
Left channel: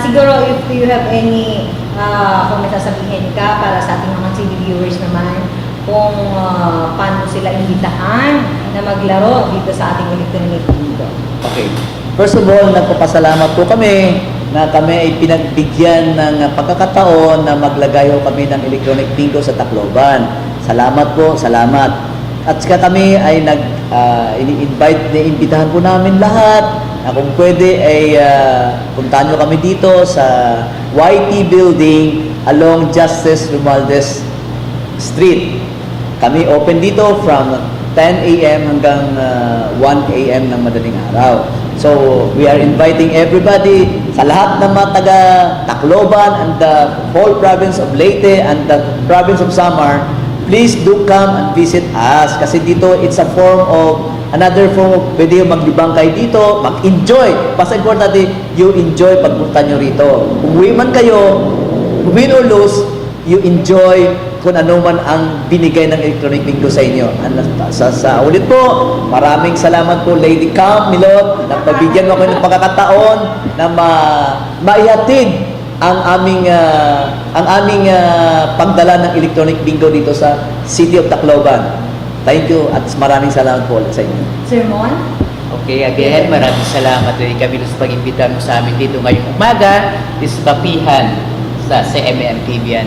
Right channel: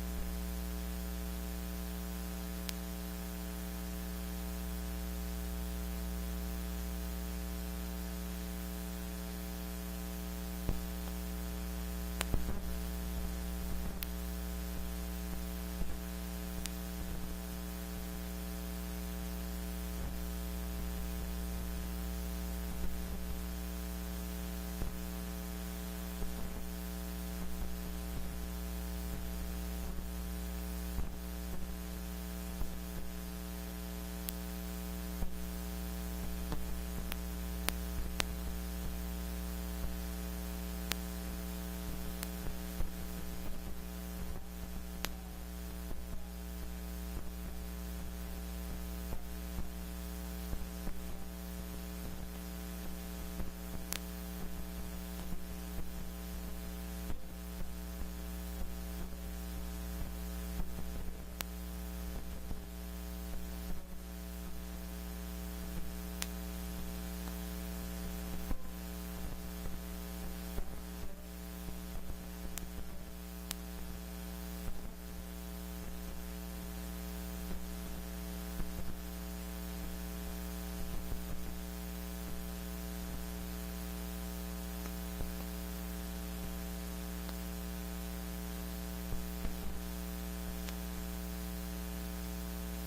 siguro if you have any kung may sasabihin ka para sa ating mga TV viewers naman, kung paano sila imbitahan na maglaro dito sa ating electronic bingo. Okay. First of all, nagpapasalamat po kami na kami ay pinagbigyan ng pagkakataon na maglagay ho kami ng electronic bingo sa Tacloban. Salamat po, salamat. At saka kami ay imbitahan po namin lahat na kung pwede ay puntahan nyo kami dito sa YT Building along Justice Romualdez Street. Kami open dito from 10 a.m. hanggang 1 a.m. ng madaling araw. So, we are inviting everybody sa lahat ng mga taga Tacloban and the whole province of Leyte and the province of Samar. Please do come and visit us kasi dito it's a form of another form of pwede yung maglibang kayo dito, mag-enjoy. Basta importante, you enjoy pagpunta nyo rito. Kung uwi man kayo, win or lose, you enjoy kung ano man ang binigay ng electronic bingo sa inyo. Sa ulit po, maraming salamat po Lady Camp Milot na pabigyan mo ako ng pagkakataon na maihatid ang aming pagdala ng electronic bingo dito sa City of Tacloban. Thank you at maraming salamat po sa inyo. Sir Mon? Okay, again, maraming salamat din kami sa pag-imbita mo sa amin dito ngayong umaga, this kapihan sa CMM TV.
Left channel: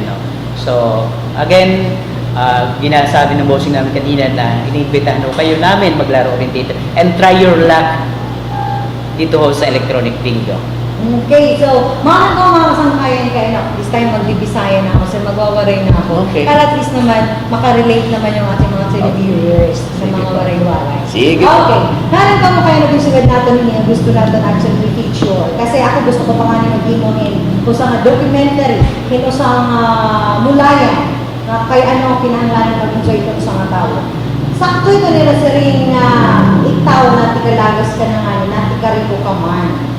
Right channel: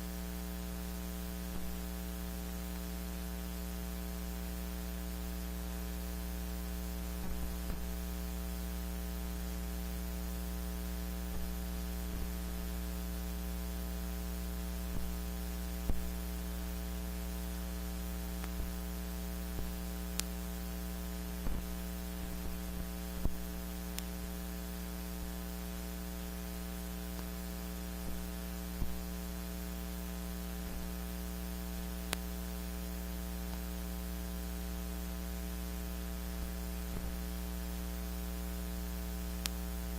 So, again, ginasabi ng bossing namin kanina na iniimbitahan ho kayo namin maglaro rin dito and try your luck dito ho sa electronic bingo. Okay, so mga kasangkayan kayo, this time magbibisaya na ako, sir, magwawaray na ako. Okay. Para at least naman, makarelate naman yung ating mga televiewers sa Sige mga po. waray-waray. Sige. Okay, nalang ka mo kayo nag-usugad natin niya, gusto natin actually feature. Kasi ako gusto ko pa nga nang mag-imonin kung sa documentary, kung sa mulayan, na kay ano kinahanglan mag-enjoy ito sa mga tao. Sakto ito nila sa ring ikaw na tikalagas ka na nga, na tikariko ka man.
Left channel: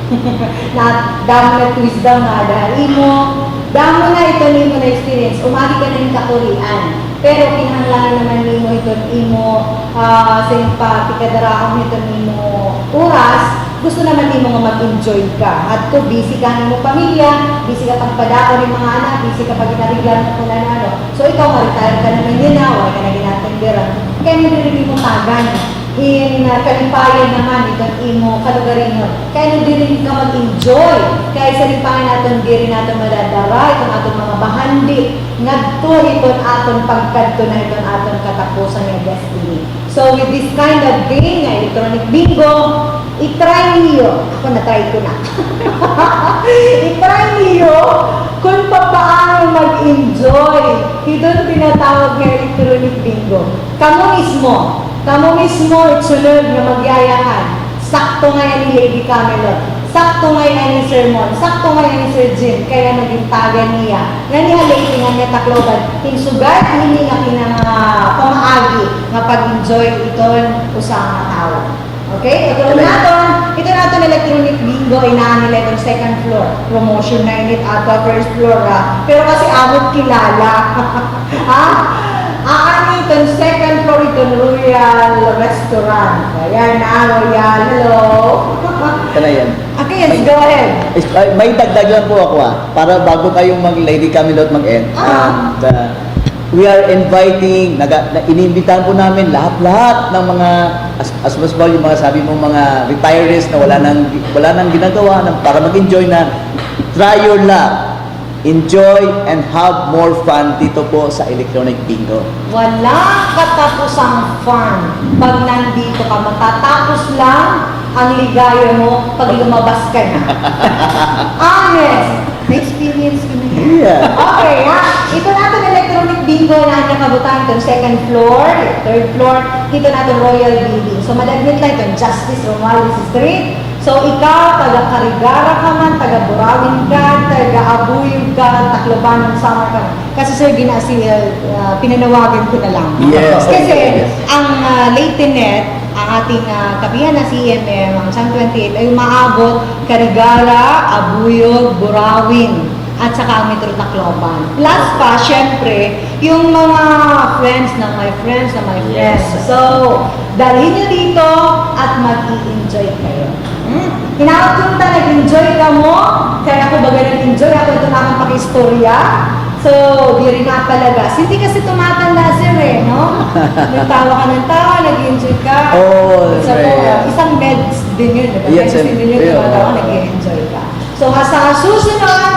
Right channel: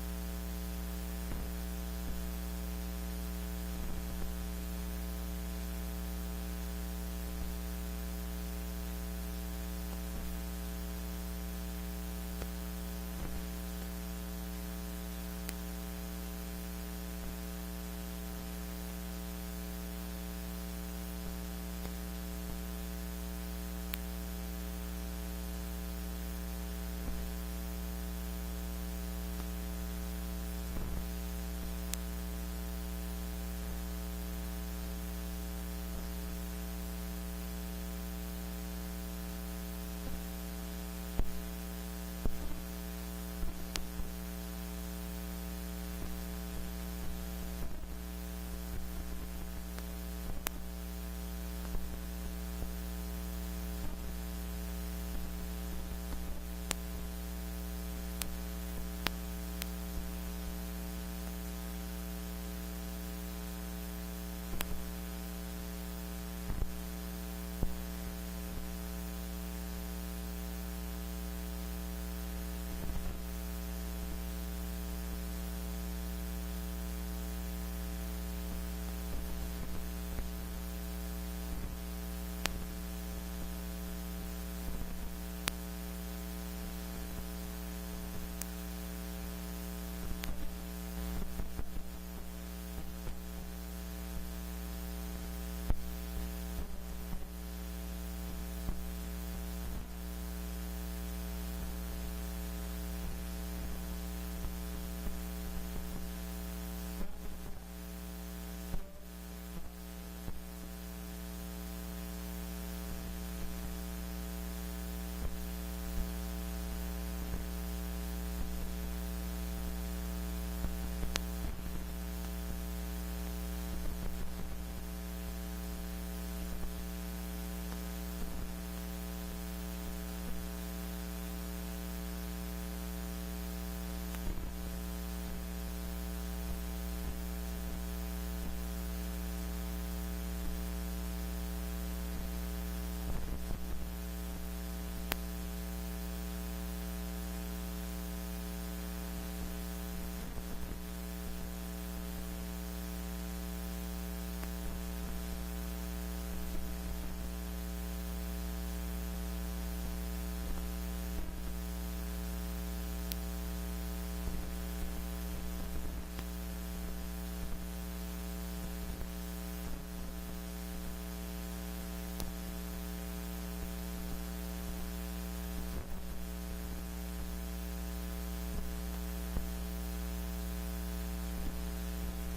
Na damo na twist daw nga dahil mo damo na ito nimo na experience umagi ka na yung kakurian pero kinahanglan naman nimo ito imo sa yung patikadaraon nito nimo oras gusto naman nimo nga mag-enjoy ka at to busy ka nimo pamilya busy ka pagpadaon ng mga anak busy ka pag inariglan mo kung ano so ikaw ma-retire ka naman din na wala ka na ginatenderan kaya hindi mo tagan in kalipayan naman itong imo kalugarin yun. Kaya hindi rin ka mag-enjoy. Kaya sa lipayan natin, hindi rin natin madadara itong atong mga bahandi. Ngadto itong atong pagkadto na itong atong katapusan ng destiny. So with this kind of game, na electronic bingo, i-try niyo. Ako na-try ko na. I-try niyo kung paano mag-enjoy. Itong tinatawag na electronic bingo. Kamu mismo, itsulod na magyayahan. Sakto nga yan ni Lady Camelot. Sakto nga yan ni Sir Mon. Sakto nga yan ni Sir Jim. Kaya naging taga niya. Nga niya Lady nga niya Tacloban. Hinsugat, hindi nga kinang pamaagi nga pag-enjoy iton usang mga tao. Okay? Ito natin electronic bingo. Inaan nila itong second floor. Promotion na init at first floor. Pero kasi amot kilala. Ha? Aani itong second floor itong Royal Restaurant. Ayan na, Royal. Hello. Ito na yan. Okay, yes, go ahead. May dagdag lang po ako para bago kayong mag-Lady Camelot mag-end. We are inviting, iniimbitahan po namin lahat-lahat ng mga, as well yung mga sabi mong mga retirees na wala nang ginagawa para mag-enjoy na try your luck. Enjoy and have more fun dito po sa Electronic Bingo. Walang katapusang fun. Pag nandito ka, matatapos lang ang ligaya mo pag lumabas ka na. Honest. Na-experience ko na yan. Yeah. Okay, ha? Ito natin Electronic Bingo na nakabutan itong second floor, third floor, dito natin Royal Building. So, malaglit lang itong Justice Romualdez Street. So, ikaw, taga-Carigara ka man, taga-Burawin ka, taga-Abuyog ka, Tacloban, Samar ka. Kasi sir, pinanawagan ko na lang. Yes. Kasi, ang Leyte Net, ang ating kapihan na CMM, ang San 28, ay umaabot Carigara, Abuyog, Burawin, at saka ang Metro Tacloban. Plus pa, syempre, yung mga friends na my friends na my friends. So, dalhin nyo dito at mag-i-enjoy kayo. Hinakot nag-enjoy ka mo, kaya ako baga nag-enjoy, ako ito na akong pakistorya. So, di rin napalagas. Hindi kasi tumatanda sir no? Nagtawa ka ng tawa, nag-enjoy ka. Oh, so, isang meds din yun. Diba? Yes, Kasi din yun, tumatawa, nag-enjoy ka. So, sa susunod,